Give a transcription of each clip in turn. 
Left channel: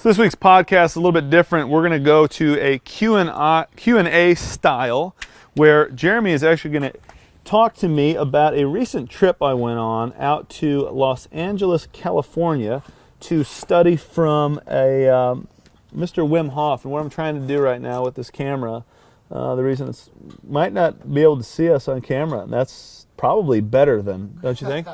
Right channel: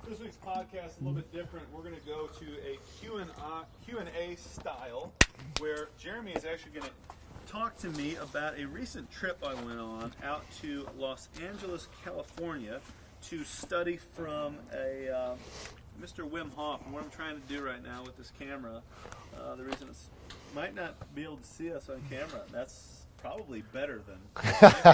So this week's podcast is a little bit different. We're going to go to a Q&A style where Jeremy is actually going to talk to me about a recent trip I went on out to Los Angeles, California to study from a Mr. Wim Hof. And what I'm trying to do right now with this camera, the reason it might not be able to see us on camera, and that's probably better than, don't you think?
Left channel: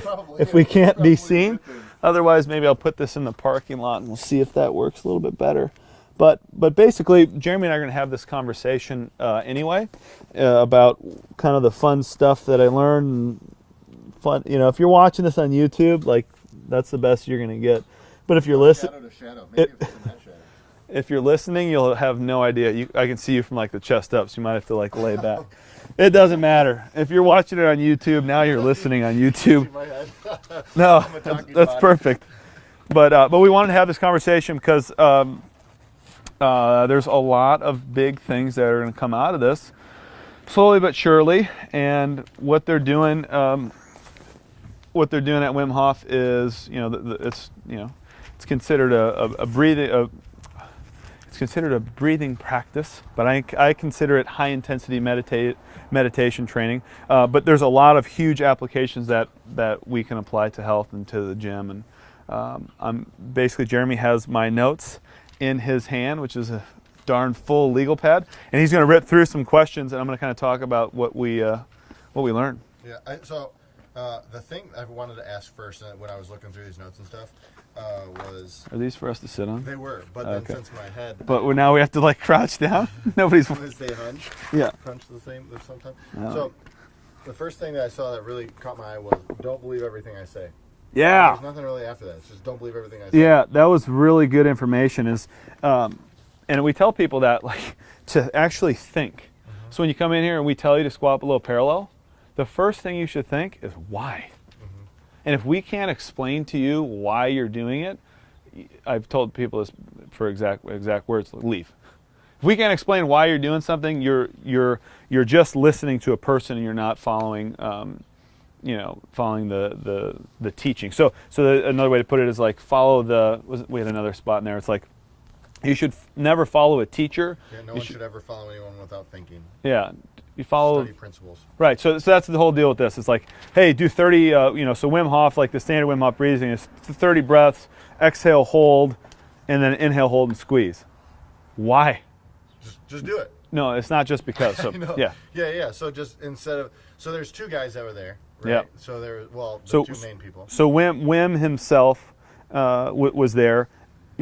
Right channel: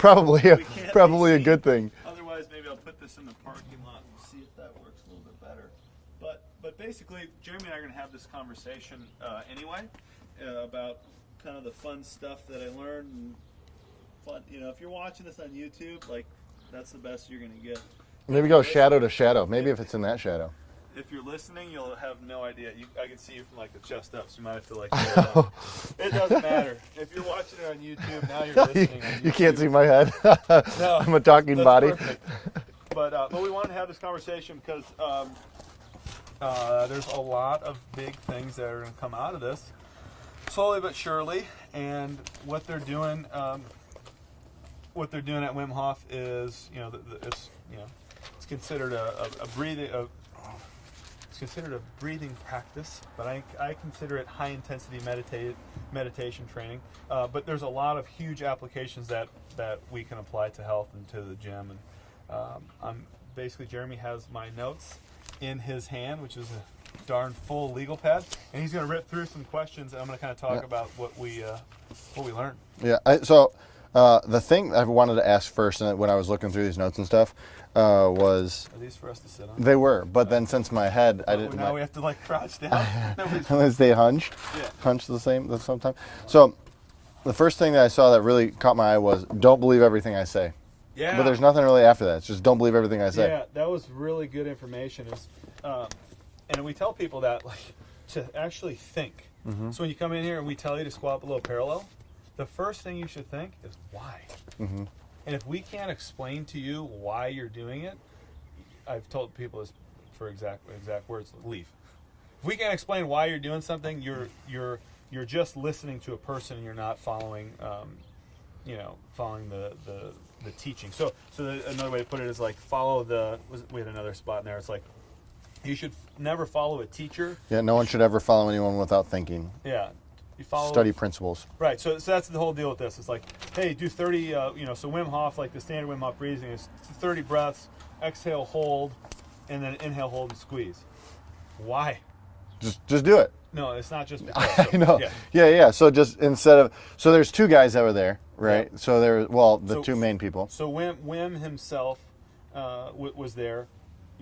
Probably. If we can't be probably seen. a good thing. Otherwise, maybe I'll put this in the parking lot and we'll see if that works a little bit better. But basically, Jeremy and I are going to have this conversation anyway about kind of the fun stuff that I learned. And fun, you know, if you're watching this on YouTube, like that's the best you're going to get. But Maybe if you're go shadow to shadow, maybe if it's in that shadow. If you're listening, you'll have no idea. I can see you from like the chest up, so you might have to like lay back. It doesn't matter. If you're watching it on YouTube, now you're listening on YouTube. You can't see my head. No, I'm a talking that's body. Perfect. But we wanted to have this conversation because there's a lot of big things that are going to come out of this, slowly but surely. And what they're doing, at Wim Hof is, it's considered a breathing. It's considered a breathing practice, but I consider it high intensity meditation training. But there's a lot of huge applications that we can apply to health and to the gym. And basically Jeremy has my notes in his hand, which is a darn full legal pad, and he's going to rip through some questions, and I'm going to kind of talk about what we learned. Yeah. The thing I wanted to ask first, when I was looking through these notes and stuff, was... Are these for us to sit on? They were, but then since my head... But now we have to like crouch down? Nobody's... Want to stay hunched? Yeah. Hunched the same time? No. So, the first thing that I saw that really caught my eye was, don't believe everything I say. Yeah. But there's nothing really after that. It's just don't believe everything I say. Yeah, that was really good information. And we tell people that like to actually think. Mm-hmm. So when you come in here and we tell you to squat below parallel, the first thing you should think is why. Mm-hmm. And if we can't explain to you why you're doing it, I've told people this for exact words, leave. If we can't explain why you're doing something, you're just listening to a person and you're not following following the teaching. So another way to put it is like we had another spot in there. It's like you should near follow a teacher. Yeah, no one should ever follow anyone without thinking. Yeah. You follow study principles. Right. So that's the whole deal with this. It's like, hey, do 30. So Wim Hof, like the standard Wim Hof breathing is 30 breaths, exhale, hold, and then inhale, hold, and squeeze. Why? Just do it. No, it's not just because. So, I know. Yeah. Yeah. So just so there's two guys that were there, right? Yep. So the two main people. So Wim himself was there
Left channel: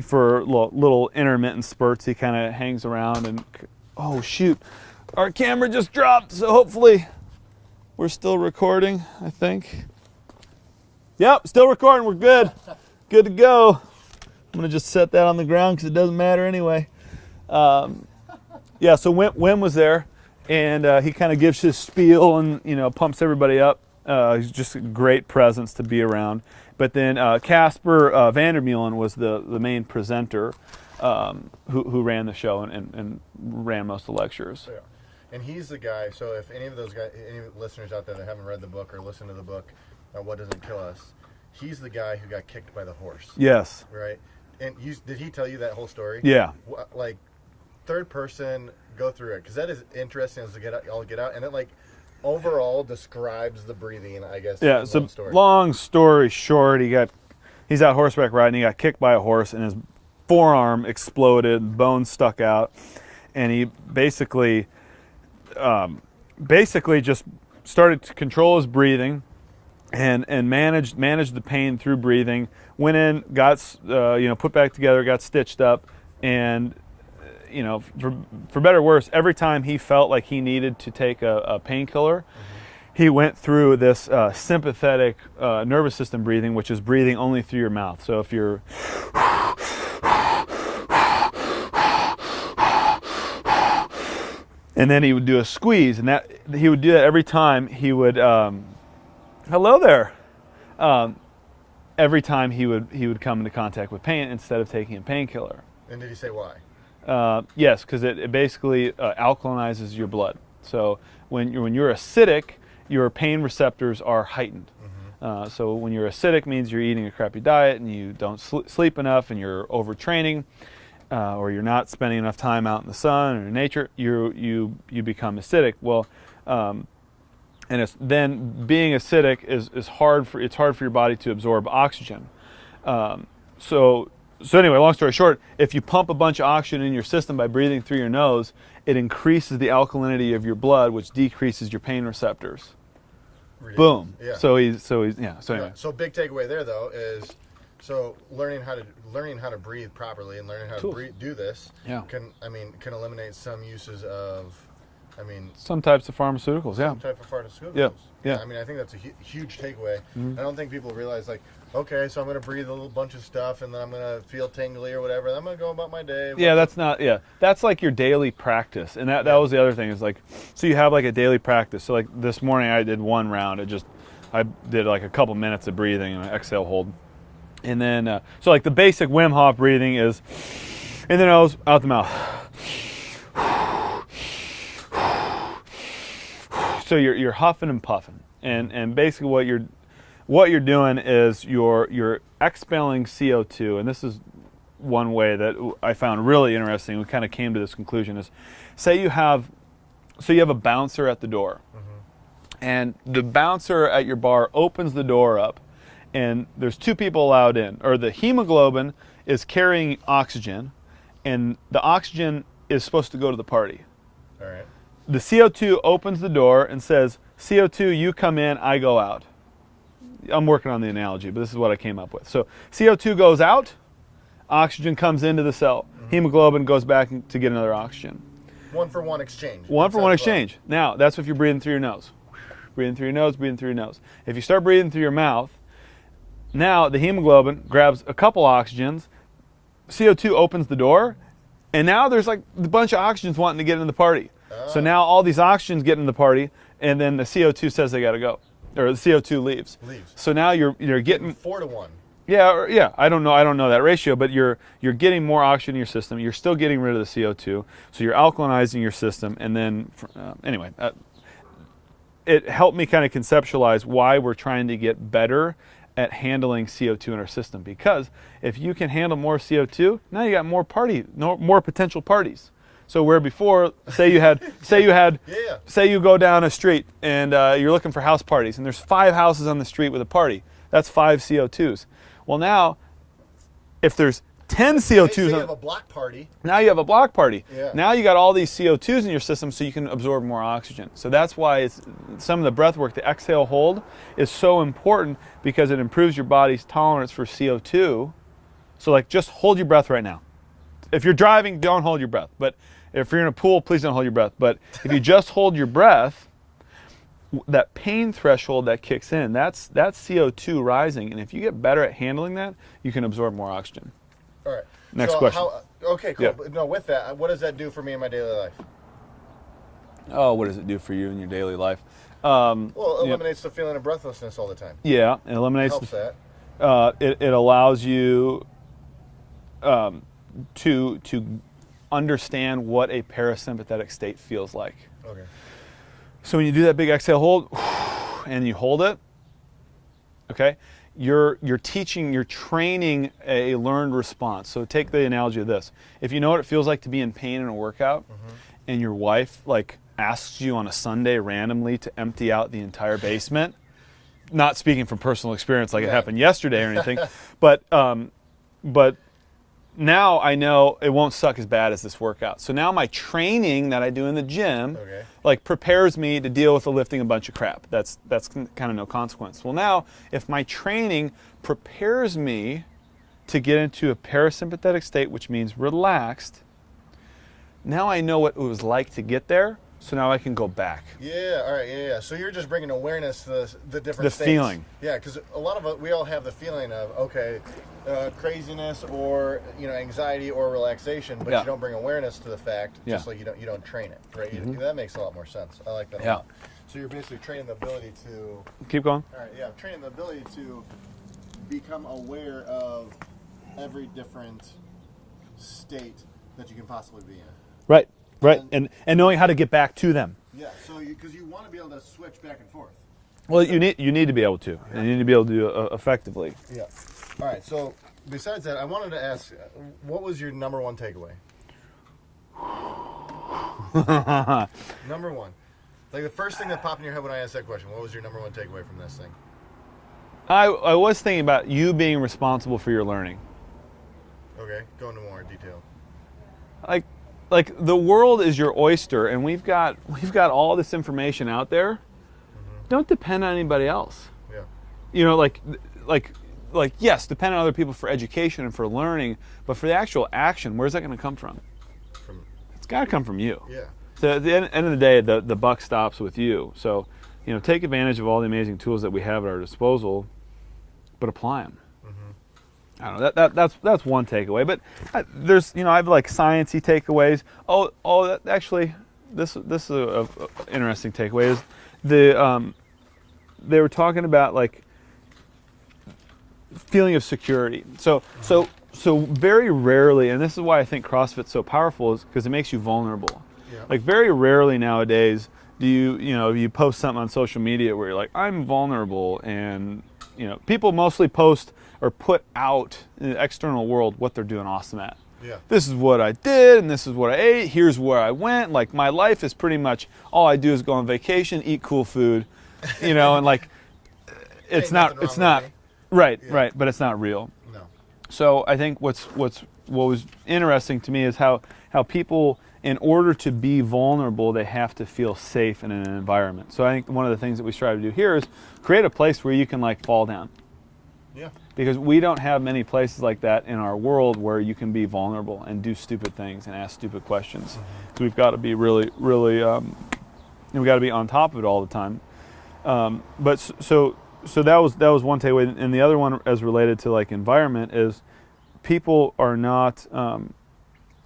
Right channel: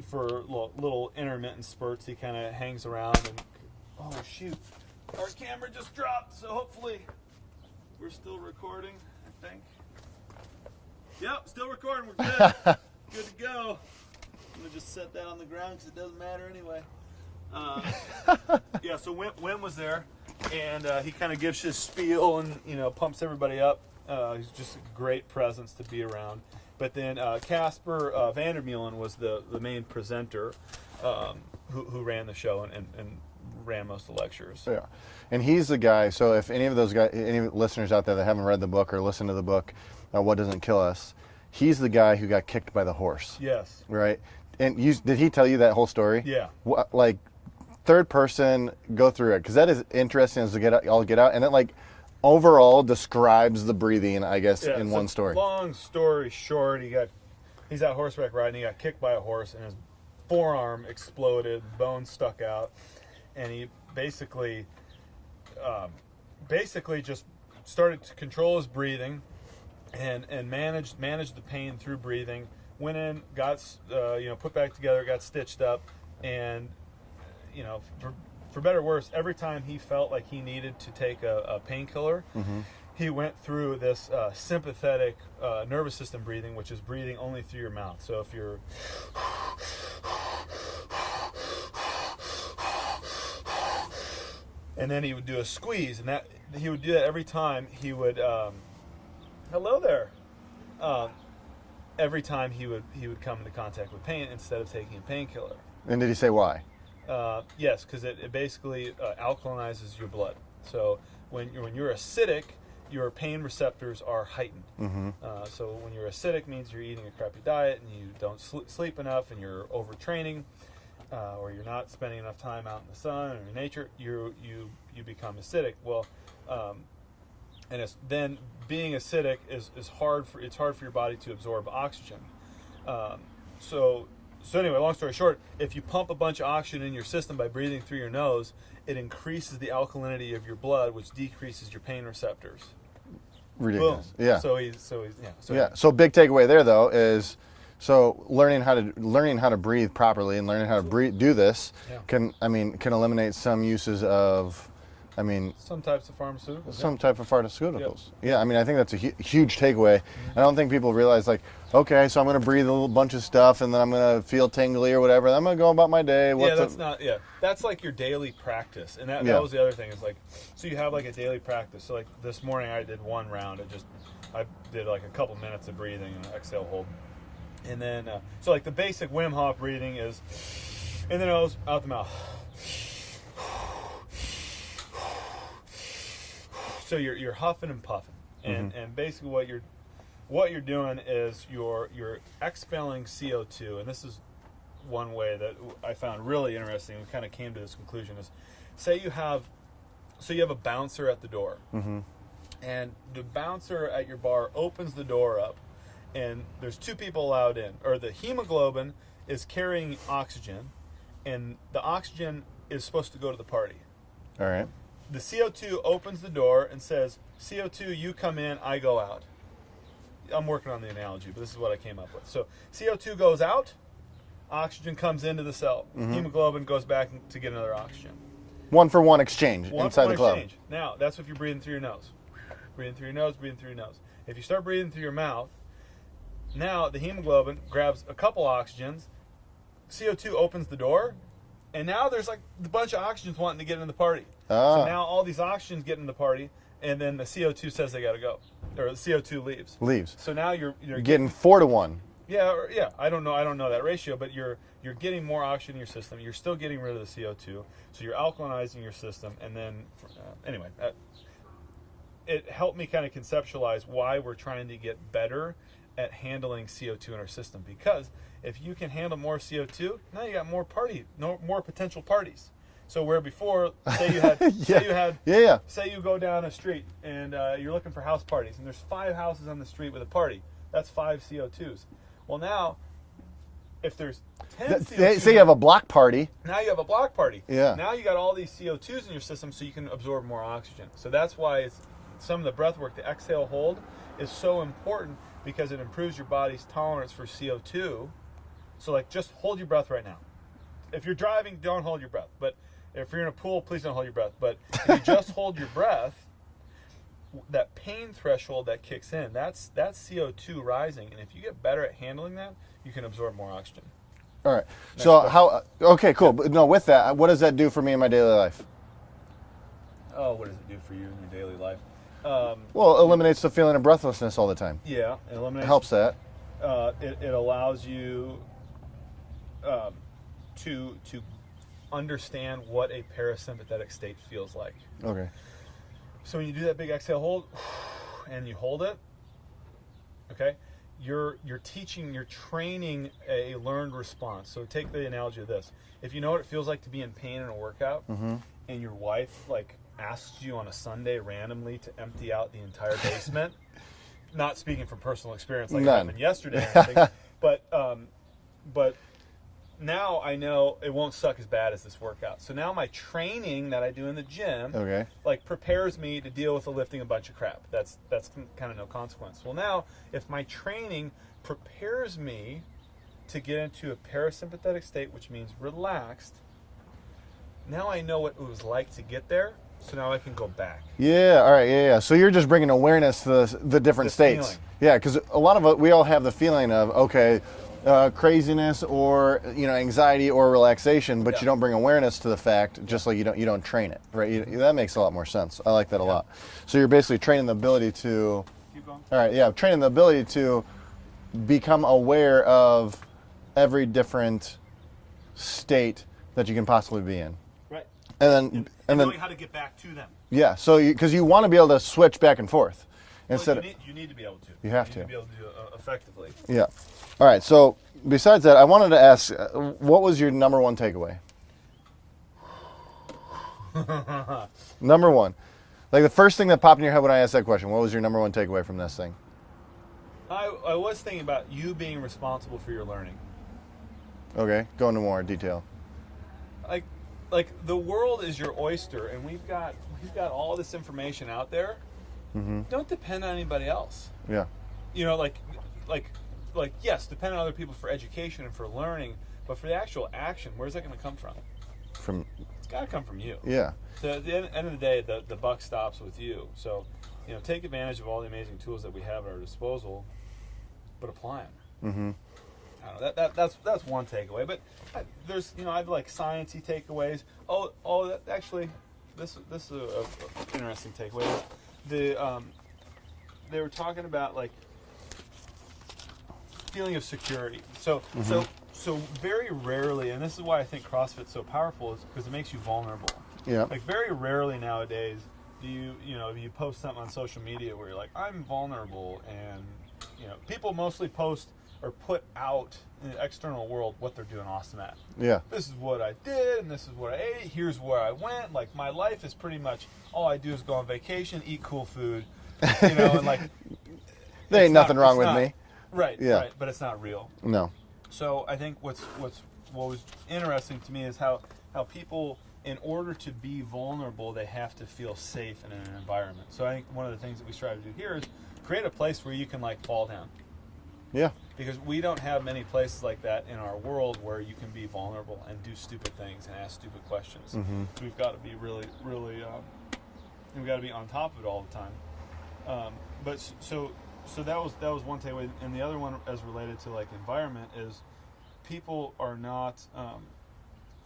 for little intermittent spurts. He kind of hangs around and, oh shoot. Our camera just dropped, so hopefully we're still recording, I think. Yep, still recording, we're good. Good to go. I'm gonna just set that on the ground because it doesn't matter anyway. Yeah, so Wim was there, and he kind of gives his spiel and pumps everybody up. He's just a great presence to be around. But then Casper Vandermeulen was the main presenter who ran the show and ran most of the lectures. Yeah. And he's the guy, so if any of those guys, any listeners out there that haven't read the book or listened to the book, What Doesn't Kill Us, he's the guy who got kicked by the horse. Yes. Right? And did he tell you that whole story? Yeah. Like, third person, go through it, because that is interesting as to get out, and it like overall describes the breathing, I guess, in one story. Long story short, he's out horseback riding, he got kicked by a horse, and his forearm exploded, bone stuck out, and he basically just started to control his breathing and managed the pain through breathing. Went in, got put back together, got stitched up, and for better or worse, every time he felt like he needed to take a painkiller, mm-hmm. he went through this sympathetic nervous system breathing, which is breathing only through your mouth. So if you're and then he would do a squeeze, and that he would do that every time he would. Hello there. Every time he would come into contact with pain instead of taking a painkiller. And did he say why? Yes, because it basically alkalinizes your blood. So when you're acidic your pain receptors are heightened. So when you're acidic, means you're eating a crappy diet and you don't sleep enough and you're overtraining, or you're not spending enough time out in the sun or in nature. You become acidic. Well, and then being acidic is hard for your body to absorb oxygen. So anyway, long story short, if you pump a bunch of oxygen in your system by breathing through your nose, it increases the alkalinity of your blood, which decreases your pain receptors. Ridiculous. Boom. Yeah. So anyway. So big takeaway there though is, so learning how to breathe properly and learning how to do this can eliminate some uses of, some types of pharmaceuticals. Some type of pharmaceuticals. Yeah. I think that's a huge takeaway. I don't think people realize, like, okay, so I'm going to breathe a little bunch of stuff and then I'm going to feel tingly or whatever. And I'm going to go about my day. That's like your daily practice. And that was the other thing is like, so you have like a daily practice. So like this morning I did one round. I did like a couple minutes of breathing and exhale, hold. And then, so like the basic Wim Hof breathing is in the nose, out the mouth. So you're huffing and puffing, and basically what you're doing is you're expelling CO2, and this is one way that I found really interesting. We kind of came to this conclusion is, say you have a bouncer at the door, and the bouncer at your bar opens the door up, and there's two people allowed in, or the hemoglobin is carrying oxygen, and the oxygen is supposed to go to the party. All right. The CO2 opens the door and says, CO2, you come in, I go out. I'm working on the analogy, but this is what I came up with. So CO2 goes out, oxygen comes into the cell. Hemoglobin goes back to get another oxygen. One for one exchange. One for one exchange. Now, that's if you're breathing through your nose. Breathing through your nose, breathing through your nose. If you start breathing through your mouth, now the hemoglobin grabs a couple oxygens, CO2 opens the door, and now there's like a bunch of oxygens wanting to get in the party. So now all these oxygens get in the party, and then the CO2 says they got to go, or the CO2 leaves. So now you're getting 4 to 1. Yeah. I don't know that ratio, but you're getting more oxygen in your system. You're still getting rid of the CO2, so you're alkalinizing your system. And then anyway, it helped me kind of conceptualize why we're trying to get better at handling CO2 in our system, because if you can handle more CO2, now you got more potential parties. So where before, say you go down a street and you're looking for house parties, and there's 5 houses on the street with a party. That's 5 CO2s. Well, now if there's 10 CO2s, say you have a block party. Now you have a block party. Yeah. Now you got all these CO2s in your system, so you can absorb more oxygen. So that's why some of the breath work, the exhale hold, is so important, because it improves your body's tolerance for CO2. So like, just hold your breath right now. If you're driving, don't hold your breath. But if you're in a pool, please don't hold your breath. But if you just hold your breath, that pain threshold that kicks in, that's CO2 rising. And if you get better at handling that, you can absorb more oxygen. All right. Next question. Okay, cool. Yeah. But no, with that, what does that do for me in my daily life? Oh, what does it do for you in your daily life? Well, it eliminates the feeling of breathlessness all the time. Yeah, it eliminates. Helps that. It allows you to understand what a parasympathetic state feels like. Okay. So when you do that big exhale hold, and you hold it, okay, you're training a learned response. So take the analogy of this. If you know what it feels like to be in pain in a workout, and your wife like asks you on a Sunday randomly to empty out the entire basement, not speaking from personal experience like it happened yesterday or anything, but now I know it won't suck as bad as this workout. So now my training that I do in the gym like prepares me to deal with the lifting a bunch of crap. That's kind of no consequence. Well, now if my training prepares me to get into a parasympathetic state, which means relaxed, now I know what it was like to get there. So now I can go back. Yeah, all right, yeah. So you're just bringing awareness to the different states. Feeling. Yeah, because a lot of it, we all have the feeling of, okay, craziness or anxiety or relaxation, but you don't bring awareness to the fact, just like you don't train it, right? That makes a lot more sense. I like that a lot. So you're basically training the ability to keep going. All right, yeah, training the ability to become aware of every different state that you can possibly be in. Right. and knowing how to get back to them. Yeah, so because you want to be able to switch back and forth. Well, you need to be able to. You need to be able to do it effectively. Yeah. All right. So besides that, I wanted to ask, what was your number one takeaway? Number one, like the first thing that popped in your head when I asked that question. What was your number one takeaway from this thing? I was thinking about you being responsible for your learning. Okay, go into more detail. Like the world is your oyster, and we've got all this information out there. Don't depend on anybody else. Yeah. You know, like yes, depend on other people for education and for learning, but for the actual action, where's that going to come from? It's got to come from you. Yeah. So at the end of the day, the buck stops with you. So, you know, take advantage of all the amazing tools that we have at our disposal, but apply them. I don't know. That's one takeaway. But there's, you know, I have like sciencey takeaways. Actually, this is a interesting takeaway. Is they were talking about like feeling of security. So very rarely, and this is why I think CrossFit's so powerful, is because it makes you vulnerable. Yeah. Like very rarely nowadays do you post something on social media where you're like, I'm vulnerable, and you know, people mostly post or put out in the external world what they're doing awesome at. Yeah. This is what I did, and this is what I ate. Here's where I went. Like my life is pretty much all I do is go on vacation, eat cool food, you know, and like There ain't nothing wrong with me. Right, Yeah. right, but it's not real. No. So I think what was interesting to me is how people, in order to be vulnerable, they have to feel safe in an environment. So I think one of the things that we strive to do here is create a place where you can like fall down. Yeah. Because we don't have many places like that in our world where you can be vulnerable and do stupid things and ask stupid questions. So we've got to be really, really, we got to be on top of it all the time. But so that was one takeaway, and the other one, as related to like environment, is people are not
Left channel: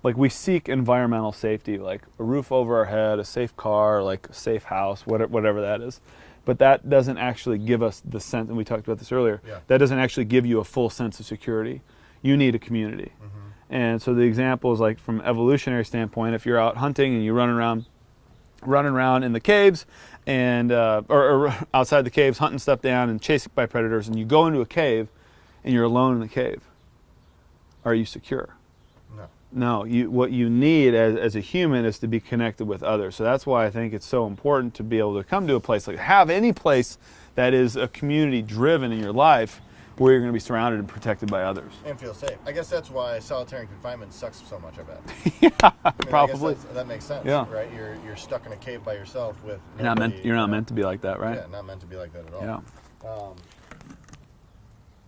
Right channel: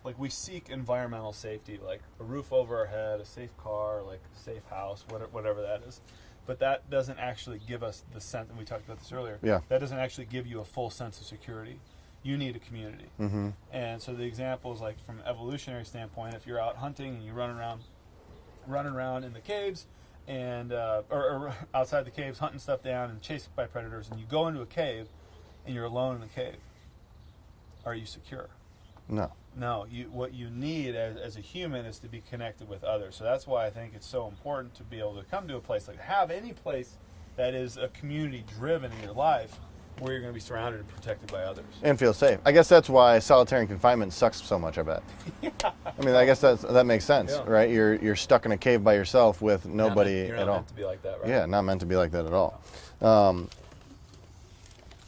like, we seek environmental safety, like a roof over our head, a safe car, like a safe house, whatever that is. But that doesn't actually give us the sense, and we talked about this earlier, that doesn't actually give you a full sense of security. You need a community. And so the example is like, from an evolutionary standpoint, if you're out hunting and you run around in the caves, and or outside the caves, hunting stuff down and chased by predators, and you go into a cave and you're alone in the cave, are you secure? No, what you need as a human is to be connected with others. So that's why I think it's so important to be able to come to a place, like have any place that is a community driven in your life, where you're going to be surrounded and protected by others. And feel safe. I guess that's why solitary confinement sucks so much, I bet. Yeah, I mean, probably. I guess that makes sense, Yeah. right? You're stuck in a cave by yourself with nobody. You're not meant to be like that, right? Yeah, not meant to be like that at all. Yeah.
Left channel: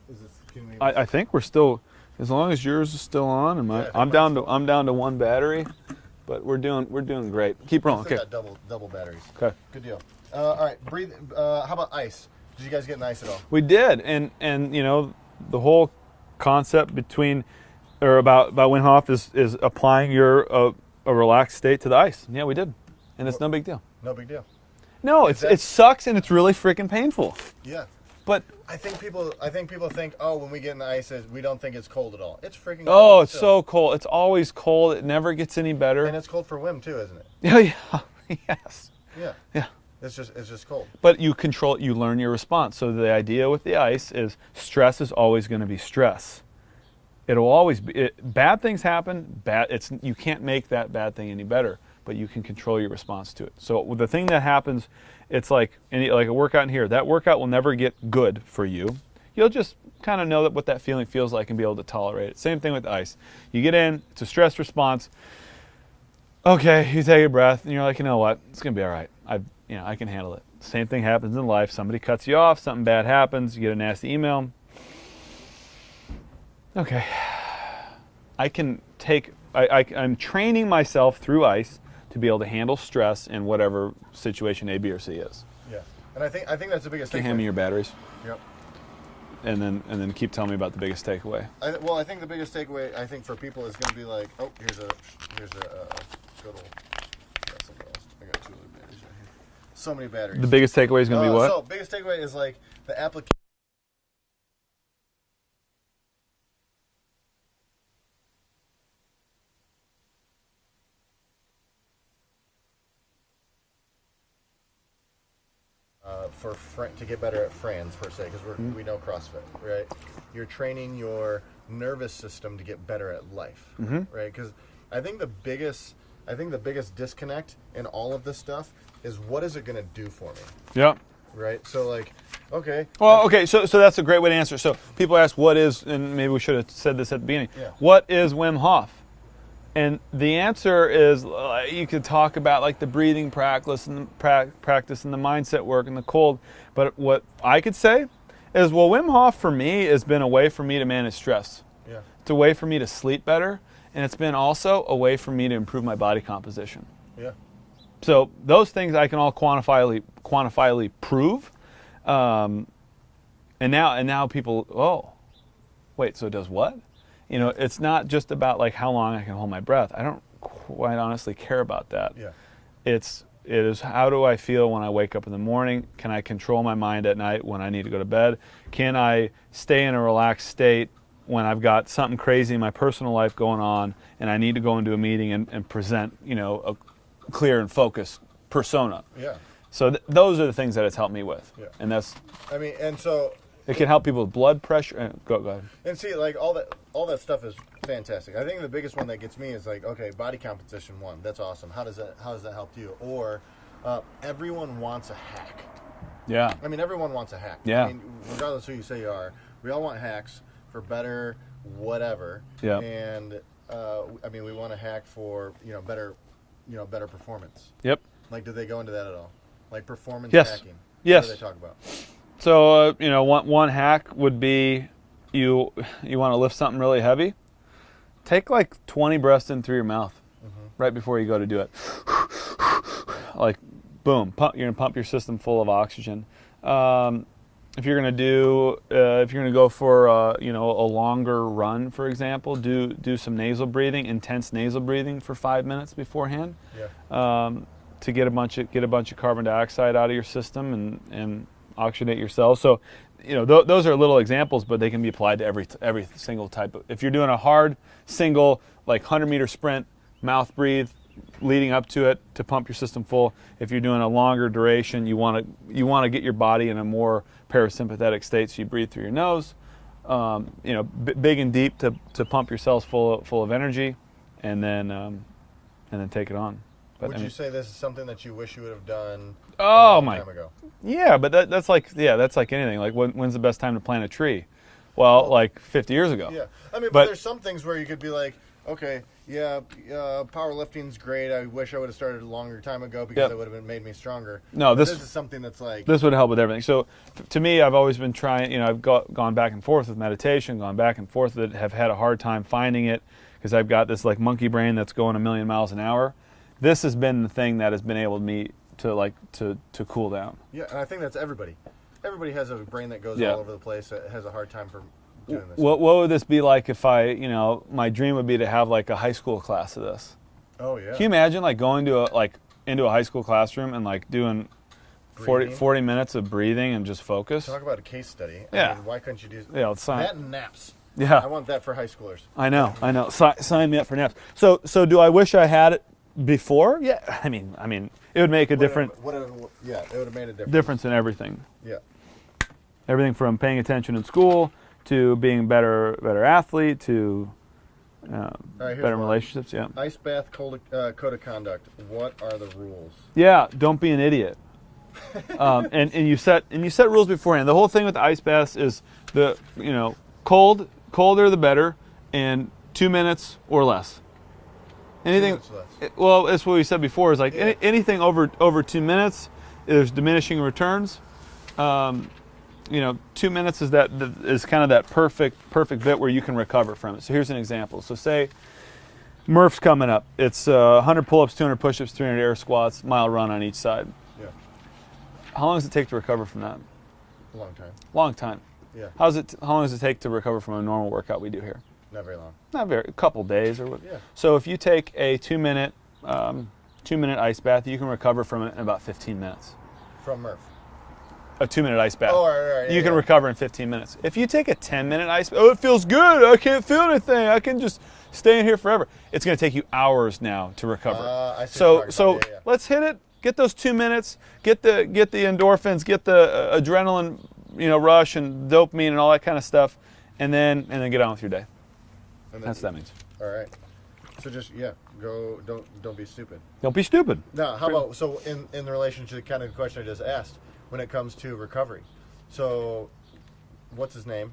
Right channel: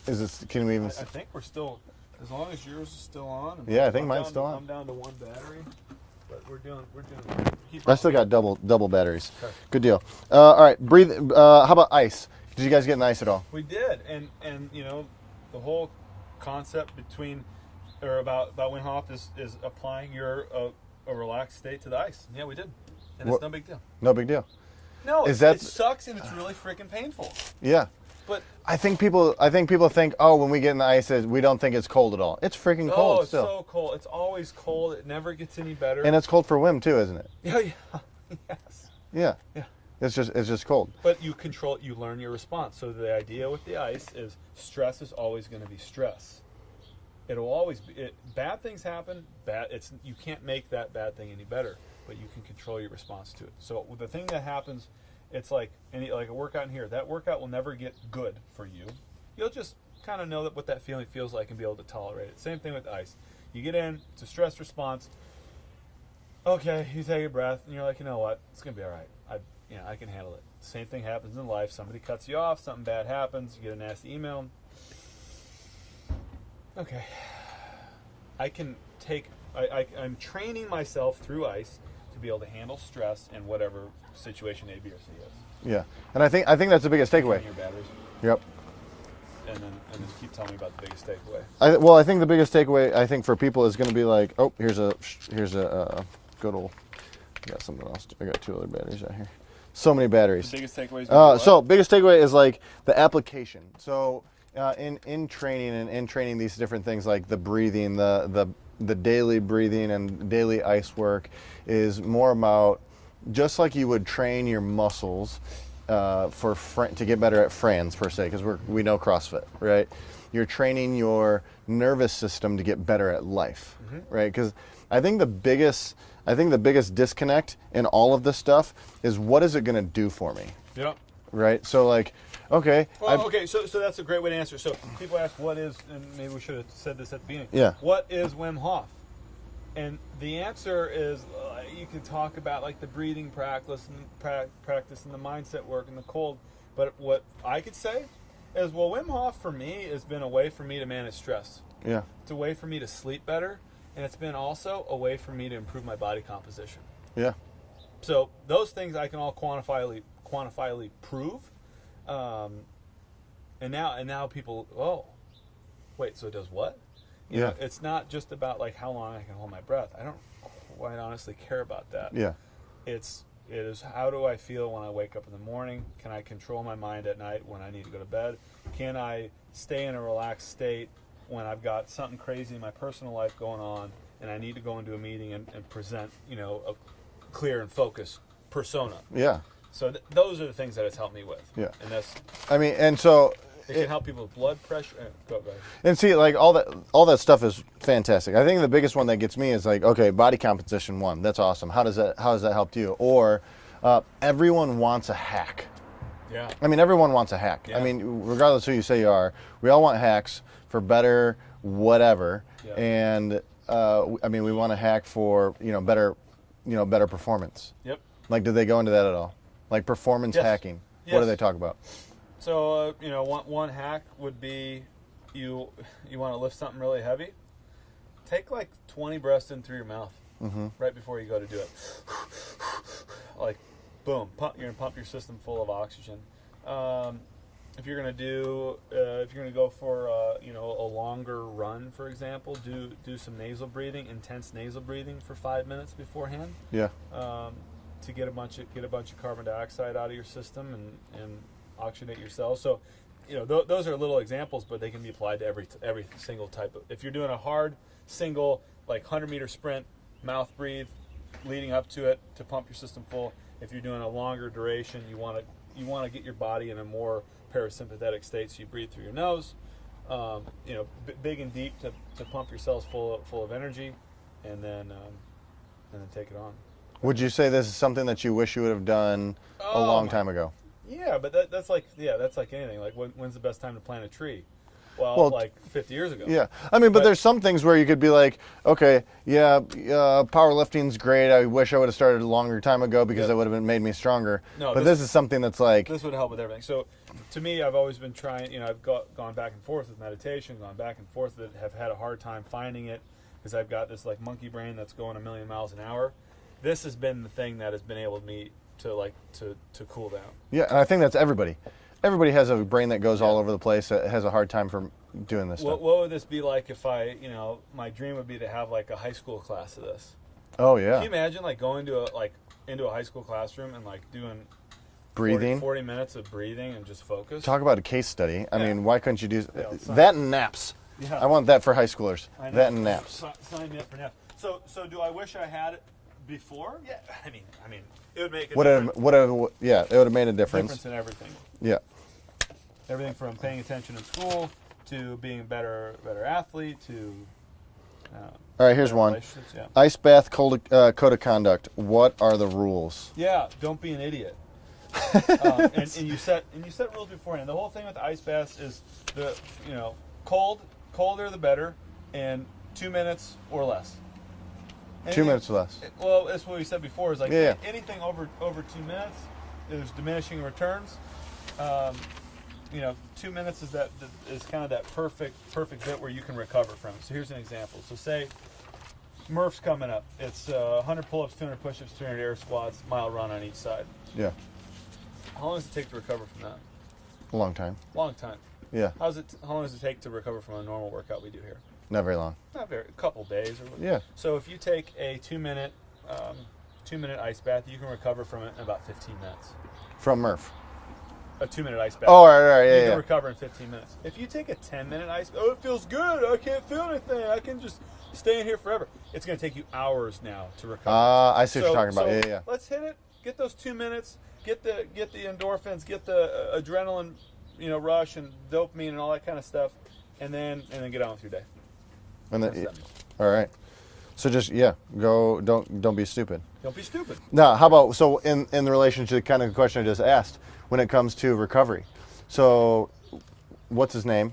Is this? Can we? I think we're still, as long as yours is still on, and Yeah, I think I'm mine's down still to on. I'm down to one battery, but we're doing great. Keep rolling. I still got double batteries. Okay. Good deal. All right, breathe. How about ice? Did you guys get in ice at all? We did, and you know, the whole concept about Wim Hof is applying a relaxed state to the ice. Yeah, we did, and it's no big deal. No big deal. No, Is it sucks, and it's really freaking painful. Yeah. But I think people think, oh, when we get in the ice, we don't think it's cold at all. It's freaking cold. oh, it's still. so cold. It's always cold. It never gets any better. And it's cold for Wim too, isn't it? yeah, yes, Yeah. yeah. It's just cold. But you learn your response. So the idea with the ice is stress is always going to be stress. It'll always be, bad things happen, you can't make that bad thing any better, but you can control your response to it. So the thing that happens, it's like a workout in here. That workout will never get good for you. You'll just kind of know what that feeling feels like and be able to tolerate it. Same thing with the ice. You get in, it's a stress response. Okay, you take a breath, and you're like, you know what? It's going to be all right. I can handle it. Same thing happens in life. Somebody cuts you off, something bad happens, you get a nasty email. Okay. I'm training myself through ice to be able to handle stress in whatever situation A, B, or C is. Yeah. And I think that's the biggest Hand me takeaway. your batteries. Yep. And then keep telling me about the biggest takeaway. I think the biggest takeaway for people is going to be like, oh, here's a good old. I got something else. I got 2 other batteries right here. So many batteries. The biggest takeaway is going to be what? So biggest takeaway is like the application. So in training and in training these different things like the breathing, the the daily breathing and daily ice work is more about just like you would train your muscles to get better at Franz per se, because we know CrossFit, right? You're training your nervous system to get better at life, right? Because I think the biggest disconnect in all of this stuff is what is it going to do for me? Yeah. Right. So like, okay. Well, okay. So that's a great way to answer. So people ask, what is, and maybe we should have said this at the beginning. Yeah. What is Wim Hof? And the answer is, you could talk about like the breathing practice and the mindset work and the cold. But what I could say is, well, Wim Hof for me has been a way for me to manage stress. Yeah. It's a way for me to sleep better, and it's been also a way for me to improve my body composition. Yeah. So those things I can all quantifiably prove, and now people, oh, wait, so it does what? You know, it's not just about like how long I can hold my breath. I don't quite honestly care about that. Yeah. It is how do I feel when I wake up in the morning? Can I control my mind at night when I need to go to bed? Can I stay in a relaxed state when I've got something crazy in my personal life going on and I need to go into a meeting and present, a clear and focused persona? Yeah. So those are the things that it's helped me with. Yeah. And that's, and so it can help people with blood pressure. Go ahead. And see, like all that stuff is fantastic. I think the biggest one that gets me is like, okay, body composition one. That's awesome. How has that helped you? Or everyone wants a hack. Yeah. I mean, everyone wants a hack. Yeah. I mean, regardless who you say you are, we all want hacks for better whatever. Yeah. And I mean, we want a hack for better performance. Yep. Like, did they go into that at all? Like performance Yes. hacking. Yes. What do they talk about? So, one hack would be you want to lift something really heavy. Take like 20 breaths in through your mouth right before you go to do it. Like, boom, you're going to pump your system full of oxygen. If you're going to go for a longer run, for example, do some nasal breathing, intense nasal breathing for 5 minutes beforehand. Yeah. To get a bunch of carbon dioxide out of your system and oxygenate your cells. So, those are little examples, but they can be applied to every single type of. If you're doing a hard single, like 100-meter sprint, mouth breathe, leading up to it to pump your system full. If you're doing a longer duration, you want to get your body in a more parasympathetic state, so you breathe through your nose. Big and deep to pump your cells full of energy, and then take it on. Would you say this is something that you wish you would have done a Oh, long my- time ago? Yeah, but that's like anything. Like when's the best time to plant a tree? Well, like 50 years ago. Yeah, I mean, but there's some things where you could be like, okay, powerlifting's great. I wish I would have started a longer time ago because it would have made me stronger. No, but this is something that's like this would help with everything. So, to me, I've always been trying. I've gone back and forth with meditation, gone back and forth with it. Have had a hard time finding it because I've got this like monkey brain that's going a million miles an hour. This has been the thing that has been able to cool down. Yeah, and I think that's everybody. Everybody has a brain that goes all over the place. That has a hard time for doing this. What would this be like if my dream would be to have like a high school class of this? Oh yeah. Can you imagine like going to into a high school classroom and like doing 40 minutes of breathing and just focus? Talk about a case study. Yeah. I mean, why couldn't you do that and naps? Yeah. I want that for high schoolers. I know. Sign me up for naps. So do I wish I had it before? Yeah. I mean, it would make a difference. It would have made a difference. In everything. Yeah. Everything from paying attention in school to being a better athlete to all right, here's better one. relationships. Yeah. Ice bath code of conduct. What are the rules? Yeah. Don't be an idiot. And you set rules beforehand. The whole thing with the ice baths is colder the better, and 2 minutes or less. 2 minutes or less. Well, that's what we said before. Is like anything over 2 minutes, there's diminishing returns. 2 minutes is kind of that perfect bit where you can recover from it. So here's an example. So say Murph's coming up. It's 100 pull-ups, 200 push-ups, 300 air squats, mile run on each side. Yeah. How long does it take to recover from that? A long time. Long time. Yeah. How long does it take to recover from a normal workout we do here? Not very long. A couple days or what. Yeah. So if you take a 2 minute ice bath, you can recover from it in about 15 minutes. From Murph. A 2 minute ice bath. Oh, all right. You can recover in 15 minutes. If you take a 10-minute ice bath, it feels good. I can't feel anything. I can just stay in here forever. It's going to take you hours now to recover. I see what you're talking so about. Yeah. let's hit it. Get those 2 minutes. Get the endorphins. Get the adrenaline, rush and dopamine and all that kind of stuff, and then get on with your day. And then, That's what that means. all right. So just go. Don't be stupid. Don't be stupid. Now, how about in the relation to kind of the question I just asked when it comes to recovery? So, what's his name?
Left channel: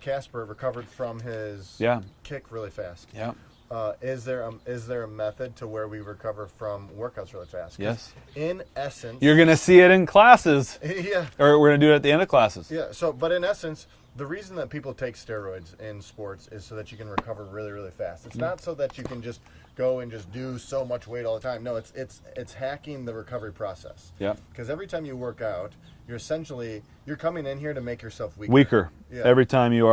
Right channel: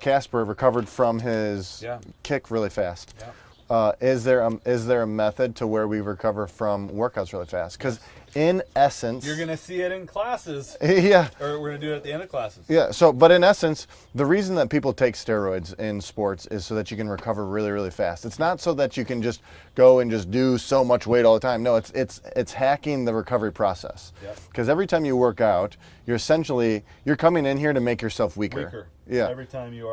Casper recovered from his kick really fast. Yeah. Is there a method to where we recover from workouts really fast? Because in essence, you're gonna see it in classes. Yeah. Or we're gonna do it at the end of classes. Yeah. So, but in essence, the reason that people take steroids in sports is so that you can recover really, really fast. It's not so that you can just go and just do so much weight all the time. No, it's hacking the recovery process. Yeah. Because every time you work out, you're coming in here to make yourself weaker. Weaker. Yeah. Every time you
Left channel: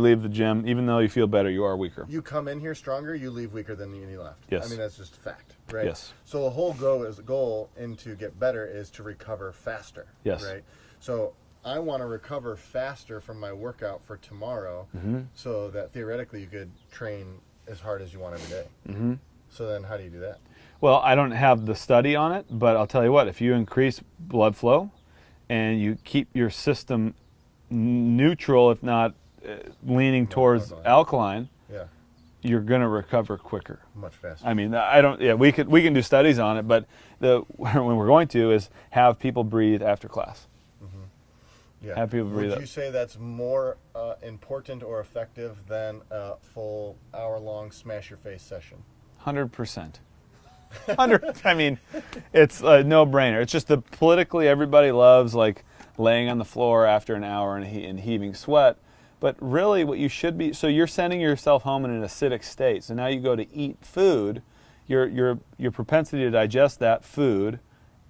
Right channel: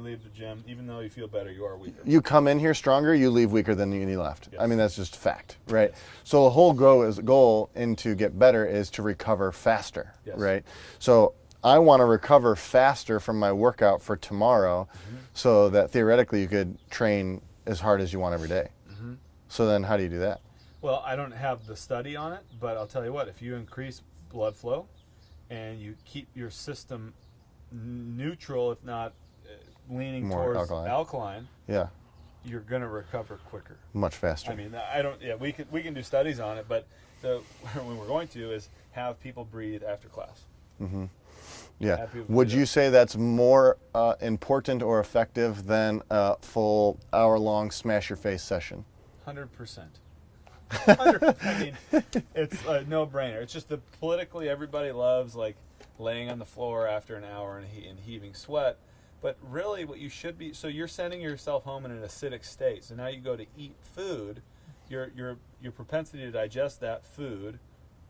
leave the gym, even though you feel better, you are weaker. You come in here stronger, you leave weaker than you left. Yes. I mean, that's just fact, right? Yes. So the whole goal to get better is to recover faster. Yes. Right. So I want to recover faster from my workout for tomorrow, so that theoretically you could train as hard as you want every day. Mm-hmm. So then, how do you do that? Well, I don't have the study on it, but I'll tell you what: if you increase blood flow, and you keep your system neutral, if not leaning More towards alkaline, Yeah. you're going to recover quicker. Much faster. I mean, we can do studies on it, but when we're going to is have people breathe after class. Mm-hmm. Yeah. Have people Would breathe you say that's more important or effective than a full hour-long smash-your-face session? 100%. I mean, it's a no-brainer. It's just politically everybody loves like laying on the floor after an hour and heaving sweat. But really what you should be, so you're sending yourself home in an acidic state. So now you go to eat food, your propensity to digest that food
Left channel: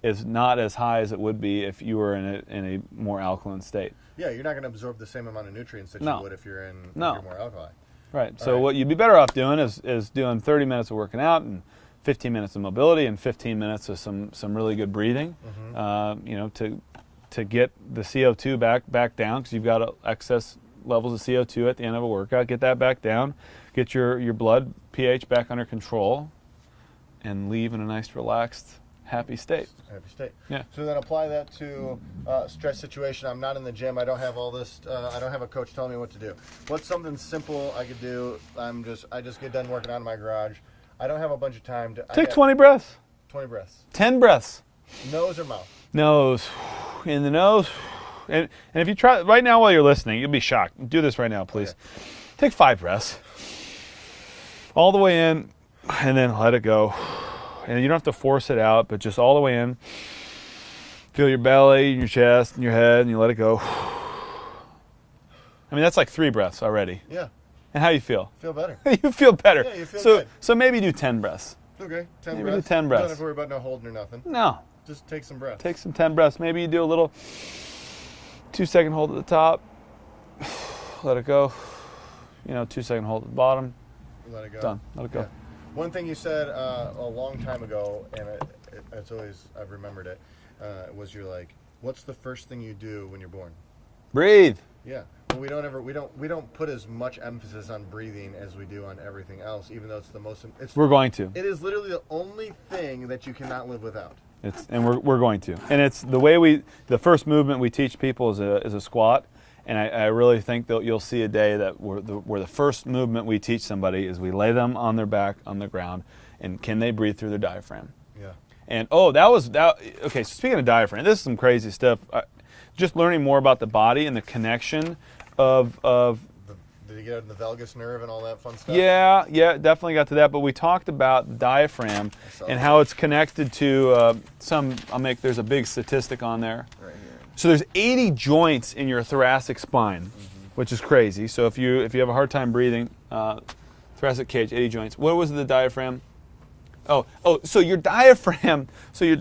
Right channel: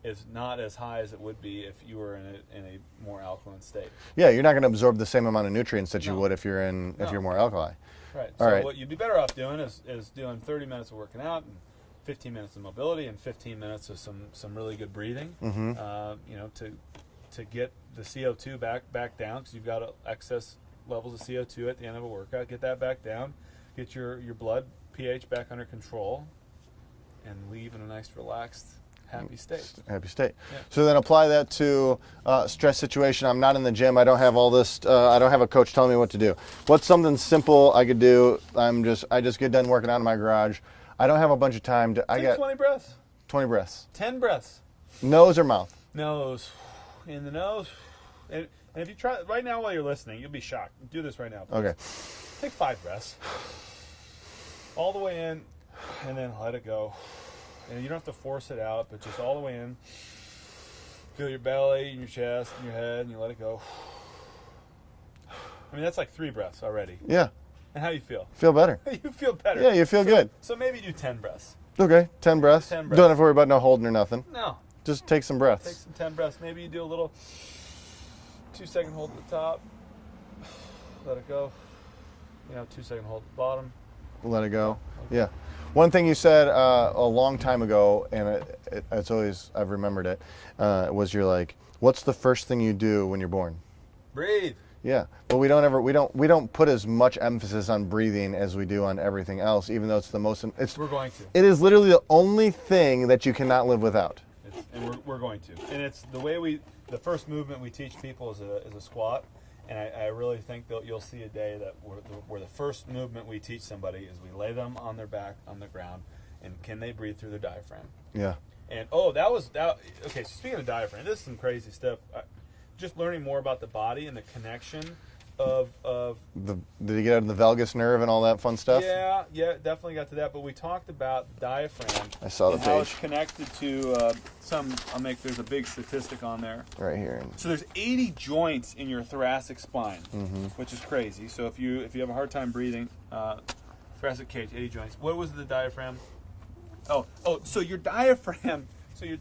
is not as high as it would be if you were in a more alkaline state. Yeah, you're not going to absorb the same amount of nutrients that you would if you're more alkali. Right. So what you'd be better off doing is doing 30 minutes of working out and 15 minutes of mobility and 15 minutes of some really good breathing. Mm-hmm. To get the CO2 back down, because you've got excess levels of CO2 at the end of a workout. Get that back down. Get your blood pH back under control, and leave in a nice, relaxed, happy state. Happy state. Yeah. So then apply that to stress situation. I'm not in the gym. I don't have all this. I don't have a coach telling me what to do. What's something simple I could do? I just get done working out in my garage. I don't have a bunch of time to. Take 20 breaths. 20 breaths. 10 breaths. Nose or mouth? Nose. In the nose. And if you try right now while you're listening, you'll be shocked. Do this right now, please. Okay. Take 5 breaths. All the way in, and then let it go. And you don't have to force it out, but just all the way in. Feel your belly, your chest, and your head, and you let it go. I mean, that's like 3 breaths already. Yeah. And how you feel? Feel better. You feel better. Yeah, you feel good. So maybe do 10 breaths. Okay, 10 breaths. 10 breaths. Don't have to worry about no holding or nothing. No. Just take some breaths. Take some 10 breaths. Maybe you do a little 2-second hold at the top. Let it go. 2-second hold at the bottom. Let it go. Done. Let it go. Yeah. One thing you said a long time ago, and it's always, I've remembered it, was you're like, what's the first thing you do when you're born? Breathe. Yeah, but we don't put as much emphasis on breathing as we do on everything else, even though it's the most. We're going to. It is literally the only thing that you cannot live without. And we're going to. And it's the way the first movement we teach people is a squat, and I really think that you'll see a day that where the first movement we teach somebody is we lay them on their back on the ground, and can they breathe through their diaphragm? Yeah. And okay. So speaking of diaphragm, this is some crazy stuff. Just learning more about the body and the connection of did you get out of the valgus nerve and all that fun stuff? Yeah, definitely got to that. But we talked about diaphragm and how it's connected to there's a big statistic on there. Right here. So there's 80 joints in your thoracic spine, which is crazy. So if you have a hard time breathing, thoracic cage, 80 joints. What was the diaphragm? So your diaphragm, so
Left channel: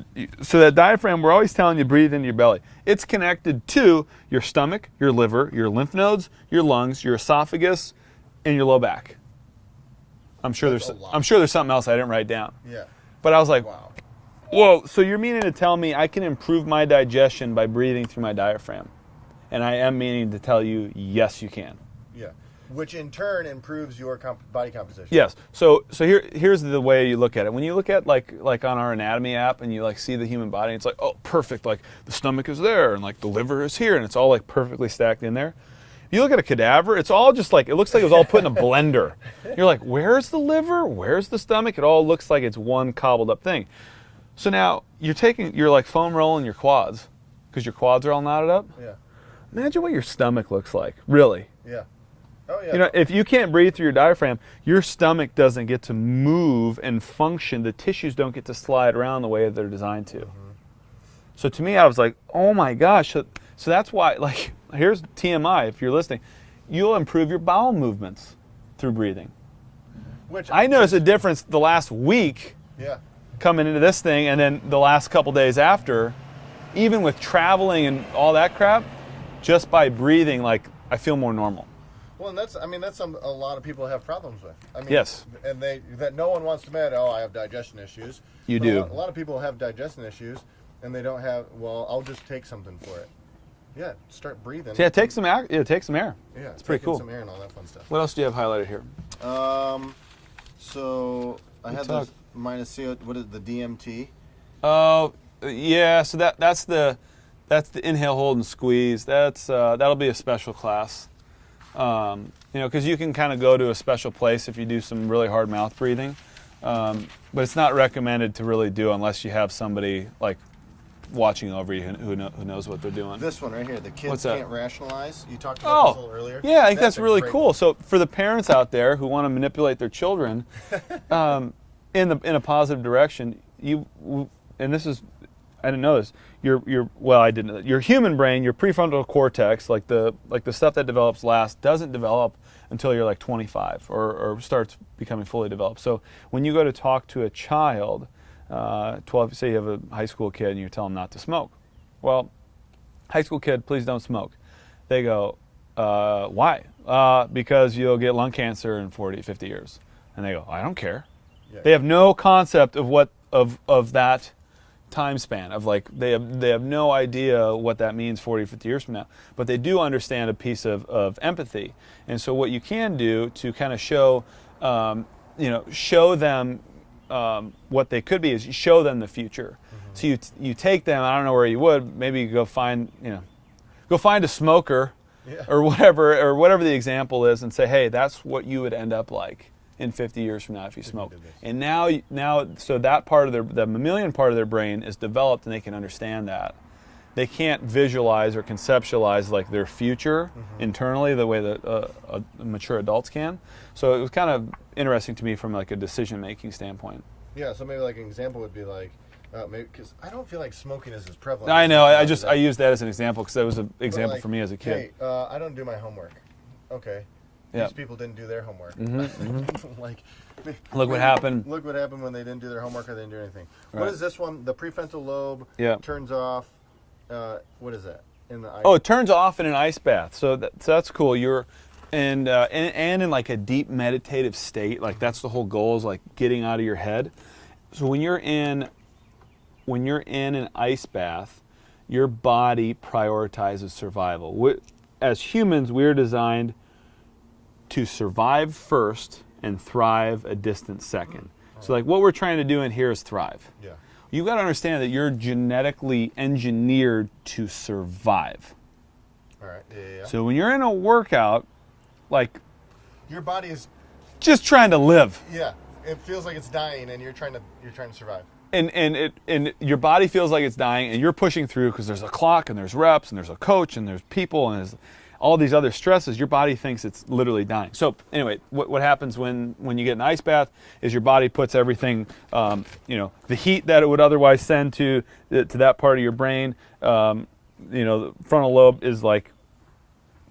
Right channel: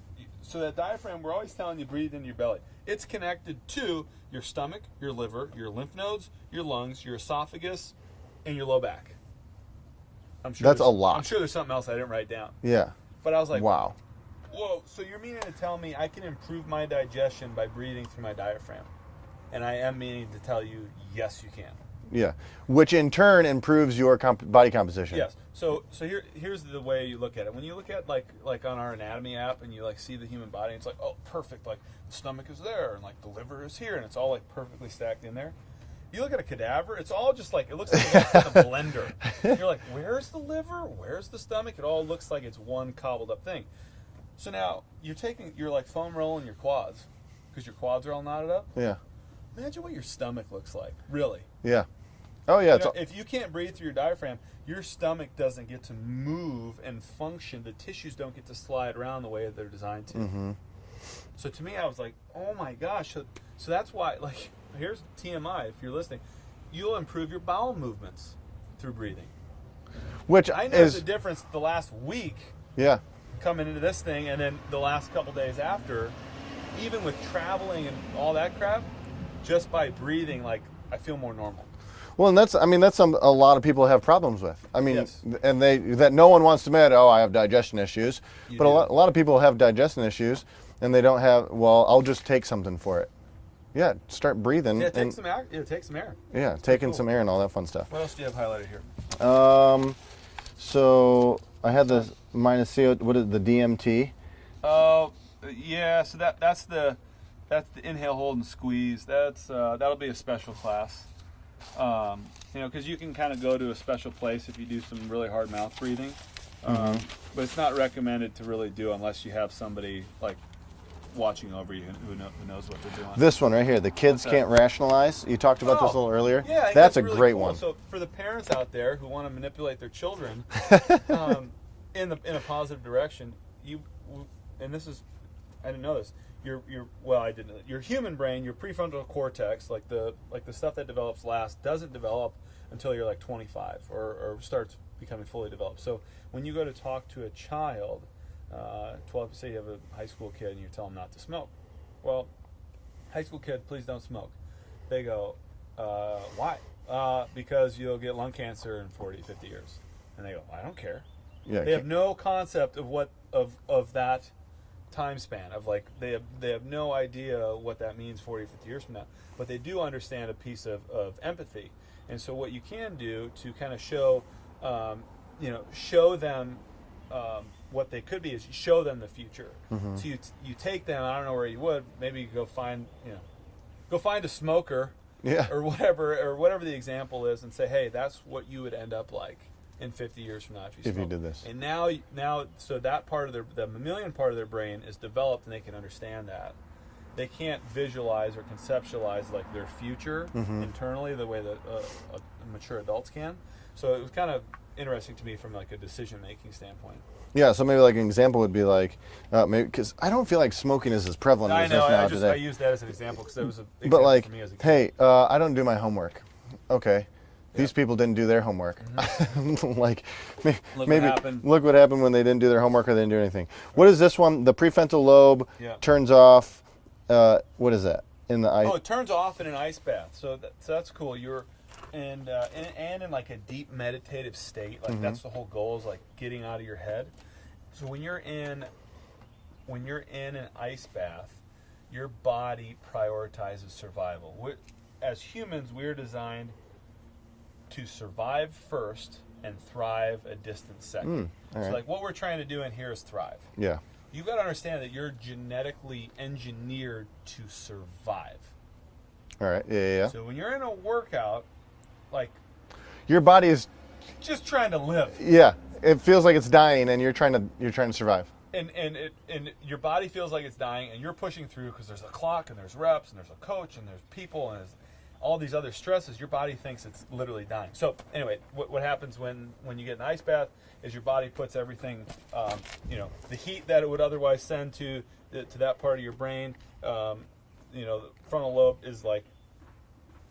that diaphragm, we're always telling you breathe into your belly. It's connected to your stomach, your liver, your lymph nodes, your lungs, your esophagus, and your low back. I'm sure That's a lot. I'm sure there's something else I didn't write down. Yeah. But I was like, wow. Whoa, so you're meaning to tell me I can improve my digestion by breathing through my diaphragm? And I am meaning to tell you, yes, you can. Yeah, which in turn improves your body composition. Yes. So here's the way you look at it. When you look at like on our anatomy app and you like see the human body, it's like, oh, perfect. Like the stomach is there and like the liver is here and it's all like perfectly stacked in there. You look at a cadaver, it's all just like, it looks like it was all put in a blender. You're like, where's the liver? Where's the stomach? It all looks like it's one cobbled up thing. So now you're like foam rolling your quads because your quads are all knotted up. Yeah. Imagine what your stomach looks like, really. Yeah. Oh yeah. You know, if you can't breathe through your diaphragm, your stomach doesn't get to move and function. The tissues don't get to slide around the way they're designed to. So to me, I was like, oh my gosh. So that's why, like, here's TMI, if you're listening, you'll improve your bowel movements through breathing. Which I noticed a difference the last week coming into this thing and then the last couple days after, even with traveling and all that crap, just by breathing, like, I feel more normal. Well, and that's a lot of people have problems with. I mean, yes. And that no one wants to admit, oh, I have digestion issues. You but do. A lot of people have digestion issues and they don't have, well, I'll just take something for it. Yeah, start breathing. Yeah, take some air. Yeah, take some air. Yeah, taking some air and all that fun stuff. What else do you have highlighted here? So I had the minus CO. What is the DMT? Yeah. So that's the inhale, hold, and squeeze. That'll be a special class. You know, because you can kind of go to a special place if you do some really hard mouth breathing, but it's not recommended to really do unless you have somebody like watching over you who knows what they're doing. This one right here, the kids can't rationalize. You talked about this a little earlier. Yeah, I think that's really cool. One. So for the parents out there who want to manipulate their children in a positive direction, and this is, I didn't know this. Your human brain, your prefrontal cortex, like the stuff that develops last, doesn't develop until you're like 25 or starts becoming fully developed. So when you go to talk to a child, 12, say you have a high school kid and you tell them not to smoke. Well, high school kid, please don't smoke. They go, why? Because you'll get lung cancer in 40, 50 years. And they go, I don't care. Yeah, they have no concept of what of that time span of like they have no idea what that means 40, 50 years from now. But they do understand a piece of empathy. And so what you can do to kind of show show them what they could be is you show them the future. So you take them, I don't know where you would, maybe you go find a smoker or whatever the example is and say, hey, that's what you would end up like in 50 years from now if you smoke. You did this. And now so that part of the mammalian part of their brain is developed and they can understand that. They can't visualize or conceptualize like their future internally the way that mature adults can. So it was kind of interesting to me from like a decision-making standpoint. Yeah, so maybe like an example would be like, maybe because I don't feel like smoking is as prevalent. I know. I used that as an example because that was an example for me as a kid. Hey, I don't do my homework. Okay. These people didn't do their homework. Like, look what happened. Look what happened when they didn't do their homework or they didn't do anything. Right. What is this one? The prefrontal lobe turns off. What is that in the ice? Oh, it turns off in an ice bath. So that's cool. You're and in like a deep meditative state. Like that's the whole goal is like getting out of your head. So when you're in an ice bath, your body prioritizes survival. As humans, we're designed to survive first and thrive a distant second. So like what we're trying to do in here is thrive. Yeah. You've got to understand that you're genetically engineered to survive. All right. Yeah. So when you're in a workout, like your body is just trying to live. Yeah. It feels like it's dying and you're trying to survive. And your body feels like it's dying and you're pushing through because there's a clock and there's reps and there's a coach and there's people and there's all these other stresses. Your body thinks it's literally dying. So anyway, what happens when you get an ice bath is your body puts everything, the heat that it would otherwise send to that part of your brain, the frontal lobe is like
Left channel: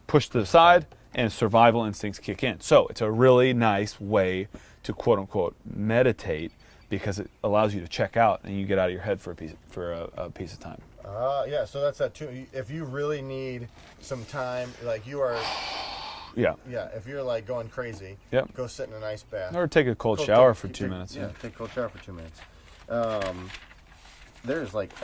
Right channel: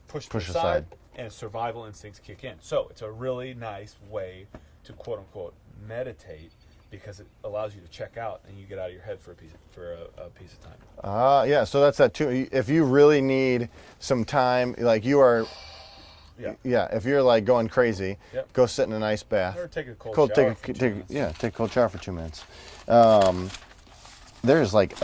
pushed to the side and survival instincts kick in. So it's a really nice way to quote unquote meditate because it allows you to check out and you get out of your head for a piece of time. Yeah, so that's that too. If you really need some time, like you are, if you're like going crazy, go sit in an ice bath. Or take a cold shower for 2 minutes. Yeah, take a cold shower for 2 minutes. There's like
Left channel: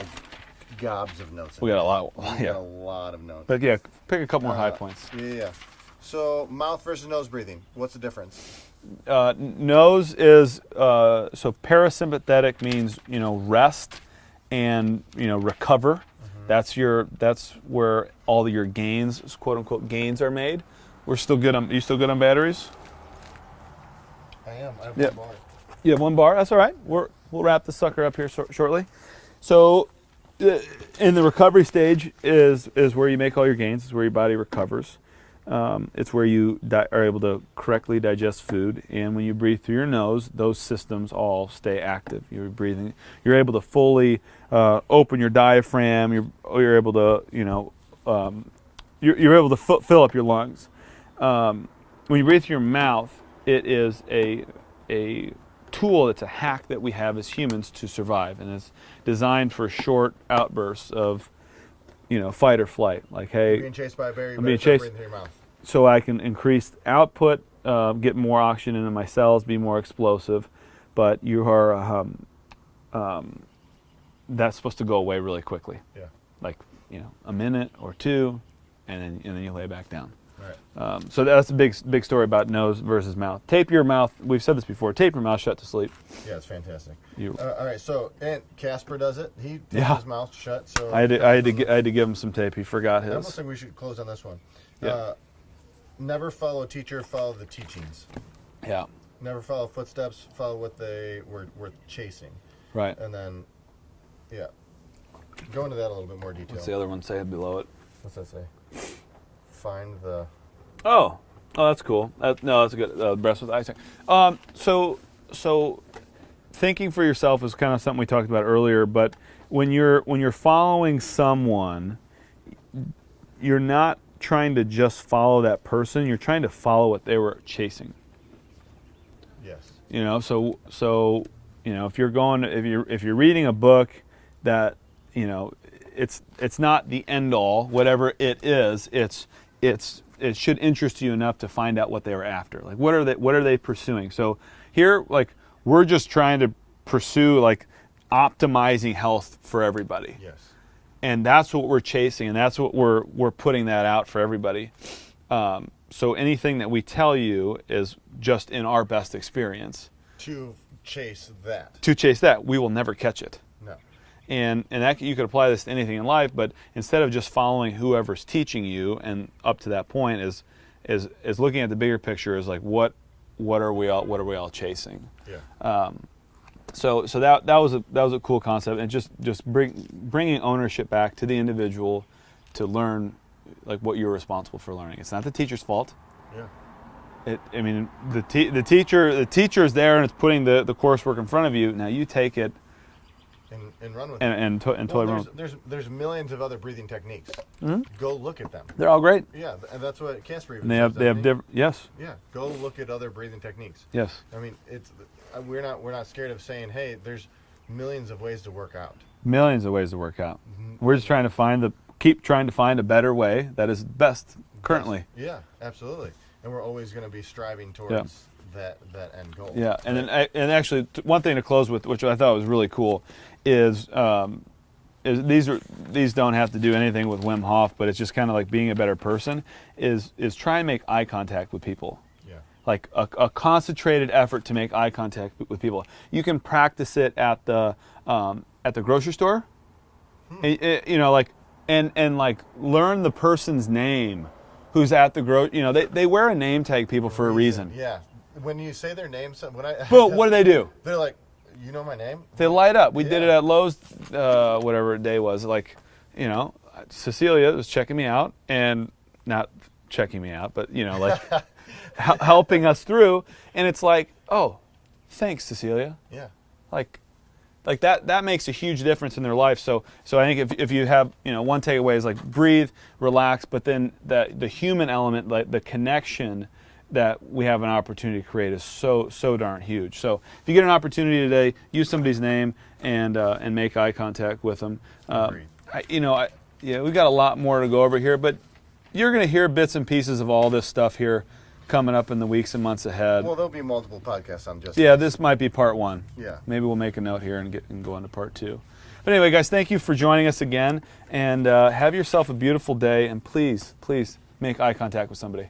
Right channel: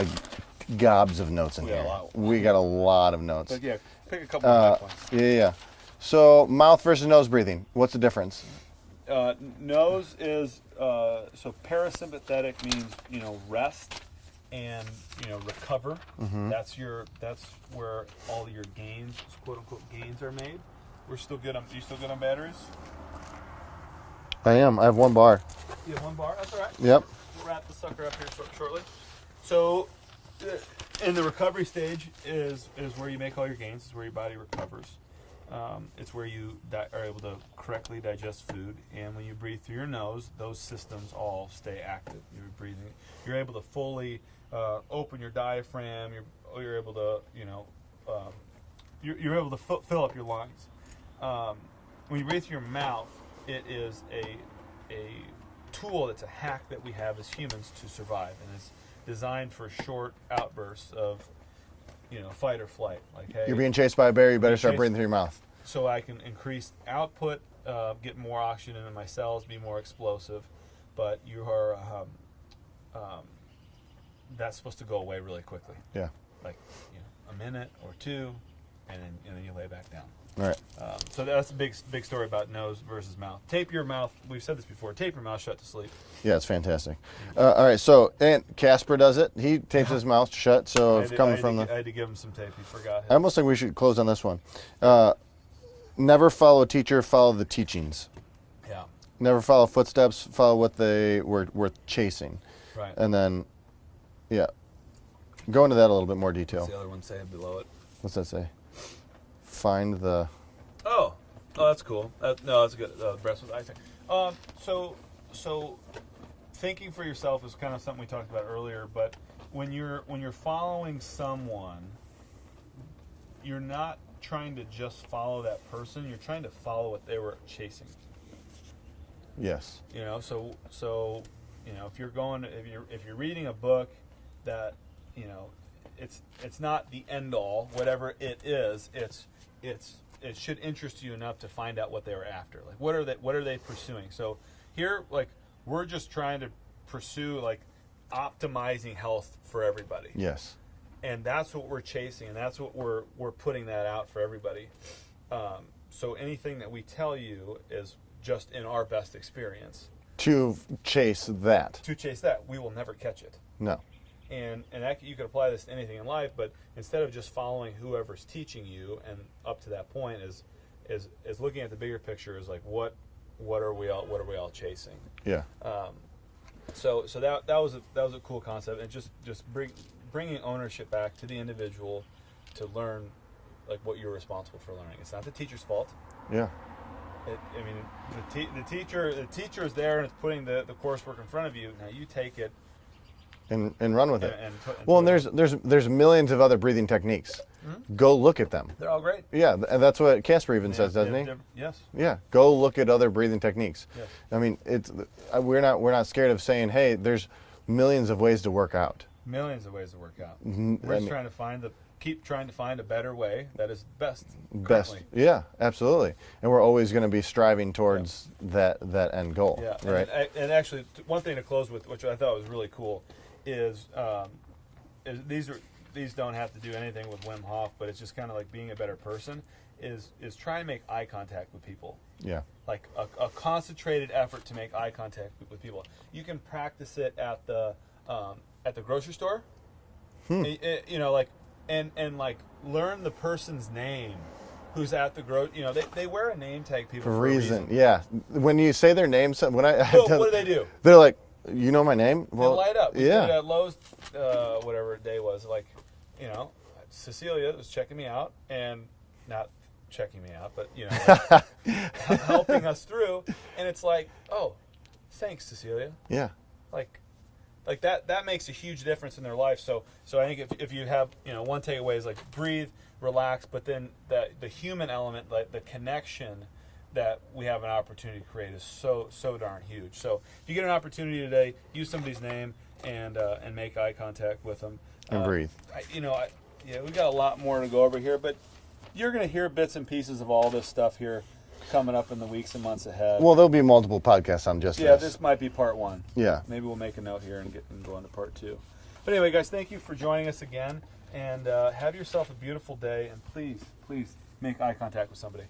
gobs of notes in here. We got a lot. We got a lot of notes. But yeah, pick a couple of high points. Yeah. So mouth versus nose breathing. What's the difference? Nose is so parasympathetic means rest and recover. That's where all your gains, quote unquote gains, are made. We're still good on. You still good on batteries? I am. I have one bar. You have one bar. That's all right. Yep. We'll wrap the sucker up here shortly. So, in the recovery stage is where you make all your gains. It's where your body recovers. It's where you are able to correctly digest food, and when you breathe through your nose, those systems all stay active. You're breathing. You're able to fully open your diaphragm. You're able to you're able to fill up your lungs. When you breathe through your mouth, it is a tool. It's a hack that we have as humans to survive, and it's designed for short outbursts of fight or flight. Like, hey, you're being chased by a bear, you better start breathing through your mouth. So I can increase output, get more oxygen into my cells, be more explosive. But you are, that's supposed to go away really quickly. Yeah. Like, a minute or two, and then you lay back down. All right. So that's a big story about nose versus mouth. Tape your mouth. We've said this before. Tape your mouth shut to sleep. Yeah, it's fantastic. All right. So, and Casper does it. He tapes his mouth shut. So I had to give him some tape. He forgot his. I almost think we should close on this one. Yeah. Never follow a teacher. Follow the teachings. Yeah. Never follow footsteps. Follow what they were chasing. Right. And then, go into that a little bit more detail. What's the other one say below it? What's that say? Find the. Oh, that's cool. No, that's a good. Breast with icing. So thinking for yourself is kind of something we talked about earlier. But when you're following someone, you're not trying to just follow that person. You're trying to follow what they were chasing. Yes. So if you're reading a book that it's not the end all. Whatever it is, it should interest you enough to find out what they were after. Like, what are they pursuing? So here, like, we're just trying to pursue, like, optimizing health for everybody. Yes. And that's what we're chasing, and that's what we're putting that out for everybody. So anything that we tell you is just in our best experience. To chase that. To chase that, we will never catch it. No. And that, you could apply this to anything in life, but instead of just following whoever's teaching you, and up to that point is looking at the bigger picture, is like what are we all chasing? Yeah. So that was a cool concept, and just bringing ownership back to the individual to learn, like, what you're responsible for learning. It's not the teacher's fault. Yeah. The teacher is there and it's putting the coursework in front of you. Now you take it and run with it. And well, there's millions of other breathing techniques. Mm-hmm. Go look at them. They're all great. Yeah, and that's what Casper even says. Yes. Yeah, go look at other breathing techniques. Yes. I mean, we're not scared of saying, hey, there's millions of ways to work out. Millions of ways to work out. Mm-hmm. We're just trying to keep trying to find a better way that is best currently. Yeah, absolutely. And we're always going to be striving towards that end goal. Yeah, right? and actually, one thing to close with, which I thought was really cool, is these don't have to do anything with Wim Hof, but it's just kind of like being a better person. Is try and make eye contact with people. Yeah. Like a concentrated effort to make eye contact with people. You can practice it at the grocery store. And like learn the person's name who's at the they wear a name tag, people, for a reason. Yeah. When you say their name, what do they do? They're like, you know my name? They light up. We did it at Lowe's, whatever day was. Like, Cecilia was checking me out, and not checking me out, but like helping us through. And it's like, oh, thanks, Cecilia. Yeah. Like that makes a huge difference in their life. So I think if you have, one takeaway is like breathe, relax, but then the human element, like the connection that we have an opportunity to create is so darn huge. So if you get an opportunity today, use somebody's name and make eye contact with them. And breathe. We've got a lot more to go over here, but you're going to hear bits and pieces of all this stuff here coming up in the weeks and months ahead. Well, there'll be multiple podcasts on just this might be part one. Yeah. Maybe we'll make a note here and go on to part two. But anyway, guys, thank you for joining us again, and have yourself a beautiful day, and please make eye contact with somebody.